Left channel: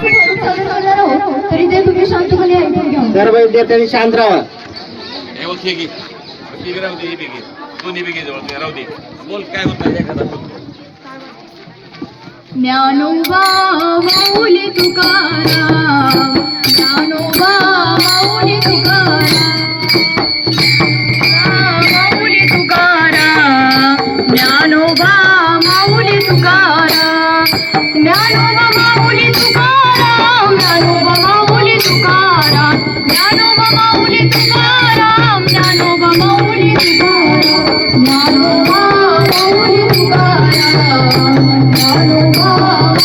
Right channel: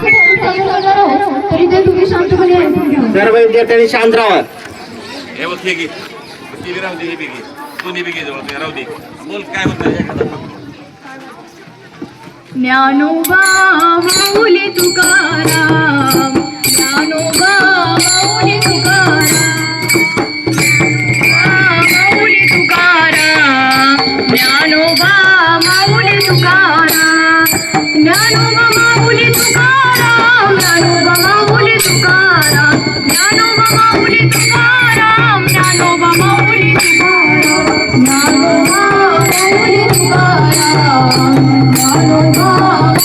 सादर करणार आहोत तरी ते तुम्ही शांतपणे ऐकून घ्या. सर्व विद्यार्थ्यांनी शांत राहा. ज्ञानोबा माऊली तुकाराम, ज्ञानोबा माऊली तुकाराम, माऊली तुकाराम, ज्ञानोबा माऊली तुकाराम, ज्ञानोबा माऊली तुकाराम, ज्ञानोबा माऊली तुकाराम, ज्ञानोबा माऊली तुकाराम, ज्ञानोबा माऊली तुकाराम, ज्ञानोबा माऊली तुकाराम, ज्ञानोबा माऊली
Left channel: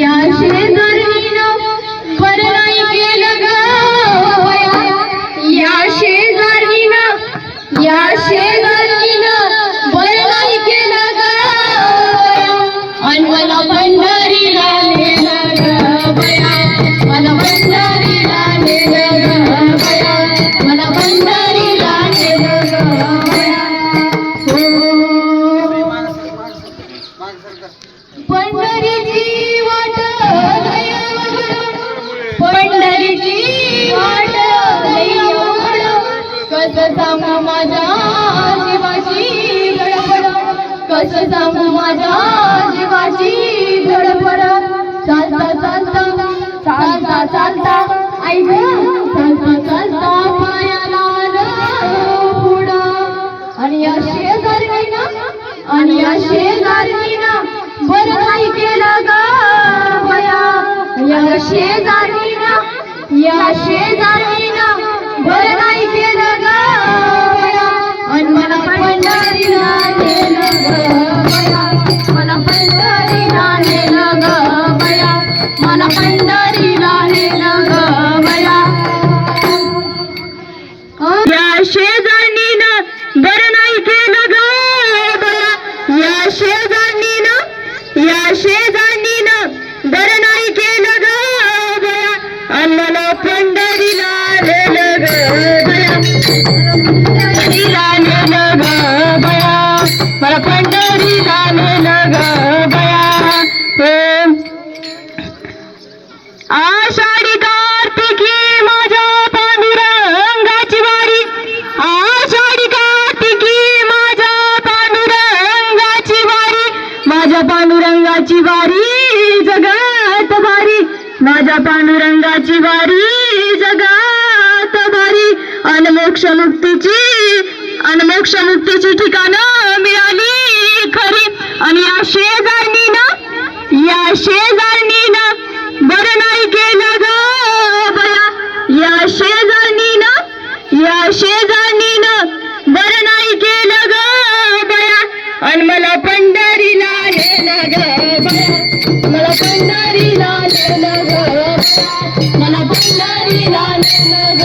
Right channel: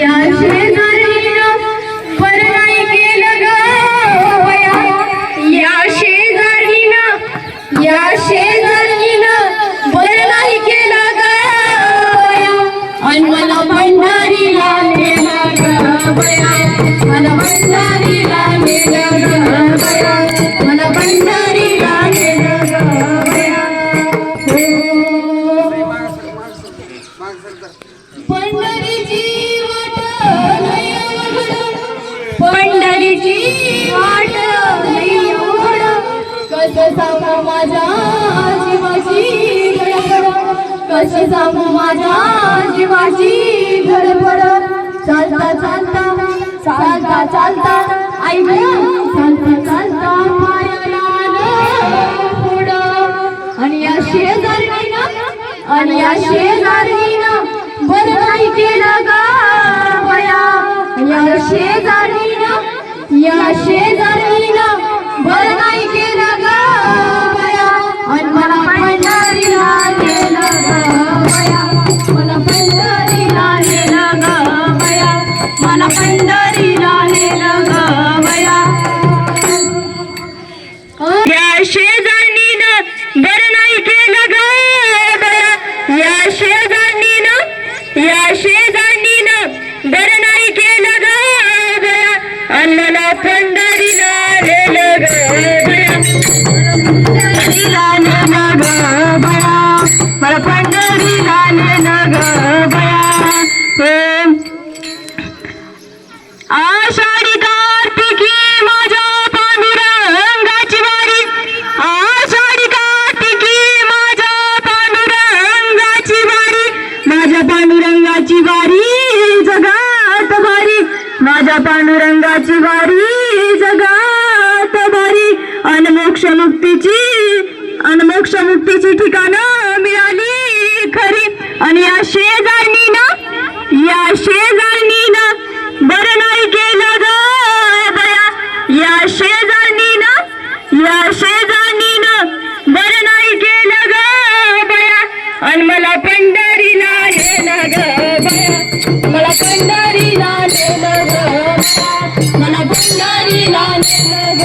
या शेजारीनं बरं नाही केलं ग बया, या शेजारीनं बरं नाही केलं ग बया, आणि मला पंढरीला नेलं ग बया, मला पंढरीला नेलं ग बया, मला पंढरीला नेलं ग बया. पंढरीची वाट लय अवघड, पंढरीची वाट लय अवघड, कसं सांगू माझ्या जीवाची गडबड, कसं सांगू माझ्या जीवाची गडबड. चालता चालता चालता चालता आई ग, चालता चालता पायाला आलं पुढं, आणि या शेजारीनं बरं नाही केलं ग बया, या शेजारीनं बरं नाही केलं ग बया, आणि मला पंढरीला नेलं ग बया, मला पंढरीला नेलं ग बया, मला पंढरीला नेलं ग बया. या शेजारीनं बरं नाही केलं ग बया, या शेजारीनं बरं नाही केलं ग बया, आणि मला पंढरीला नेलं ग बया, पंढरीला नेलं ग बया, मला पंढरीला नेलं ग बया. आषाढी कार्तिकी माझ्या पांडुरंगाची वारी, आषाढी कार्तिकी माझ्या पांडुरंगाची वारी, माझ्या पांडुरंगाची वारी जगात भारी, माझ्या पांडुरंगाची वारी जगात भारी, आणि मोक्षमुक्तीची ठिकाणं मिळाली खरी, आणि या शेजारणीनं बरं नाही केलं ग बया, या शेजारणीनं बरं नाही केलं ग बया, आणि मला पंढरीला नेलं ग बया, मला पंढरीला नेलं ग बया, मला पंढरीला नेलं ग